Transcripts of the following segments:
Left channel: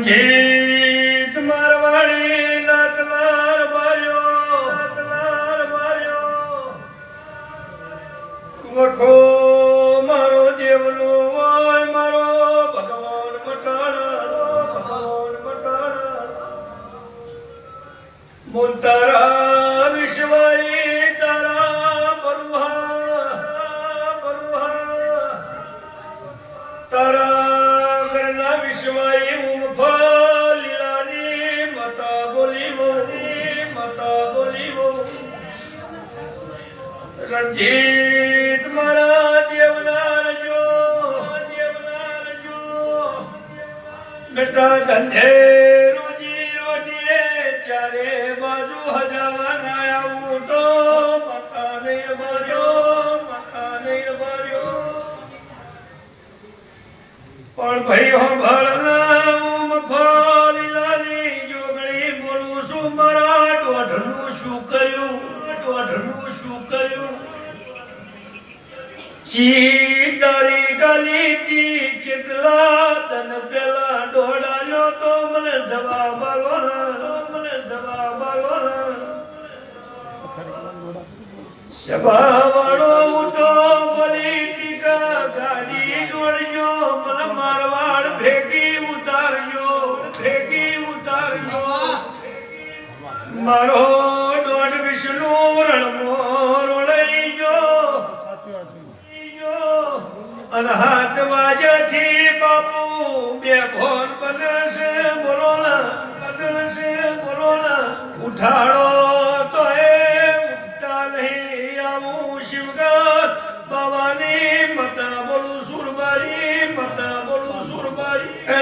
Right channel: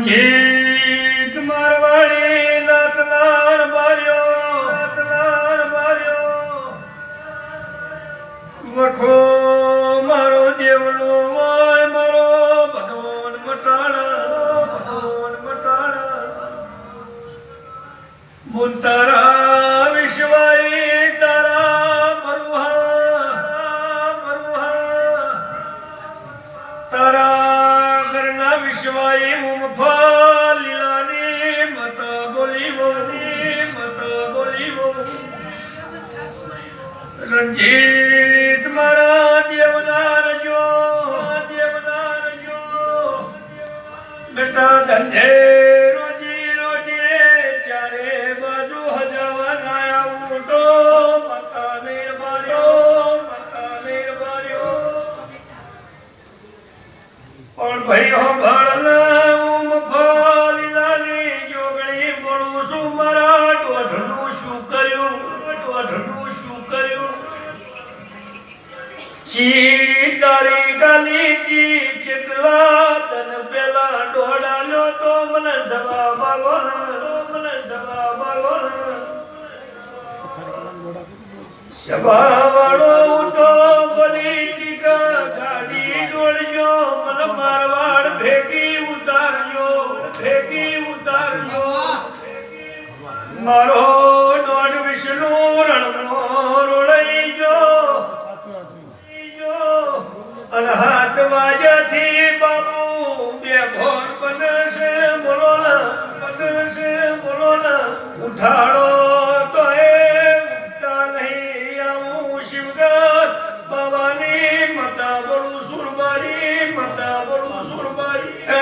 રણજીત મારવાડી નાતનાર બાર્યો વખો મારો દેવનો હોય મારો ભગવાન મટાણા બોલ તારા વિશ્વાય તારા બરુહા તારા ઘરના વિશ્વાય ઉમફા લીલાની મતા બોલીવો રંજીત મારા દેવના રજો બેટા ધંધે રોજી રોટીએ ચારે બાજુ હજાવાના આવું તો મતા નિર્ભર્યો પણ ભાઈ હો ભણના મફાલી લાલી જોગણી બોલું છું મારા દોઢનું શું કર્યું ચી તારી ગાલી કી ચેટલા તન પેલા દોડાલ્યો તો મને જવાબ આલો સભાવાળો ઉઠો બોલી ટીકા ગાડી જોડજો મને મારવાડ ભેગી ઉતારજો મારો દોઢ વિષ્ણુ રણમો રોડાઈ ગયો અને હાથ વાજ્યાથી બાપુ બે ફોન બનશે બોલો ના ઉઠાડો તો એ ઉઠતા નહીં આવું શિવગર બાબાની મતા બોલું સુરબાઈ એ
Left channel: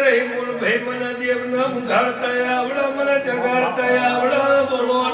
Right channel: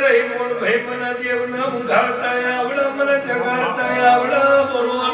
રહી બોલ ભાઈ મને દેવને ઊંઘાડતા આવડે મને જગાડતા આવડે બોલો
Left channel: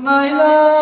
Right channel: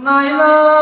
Naila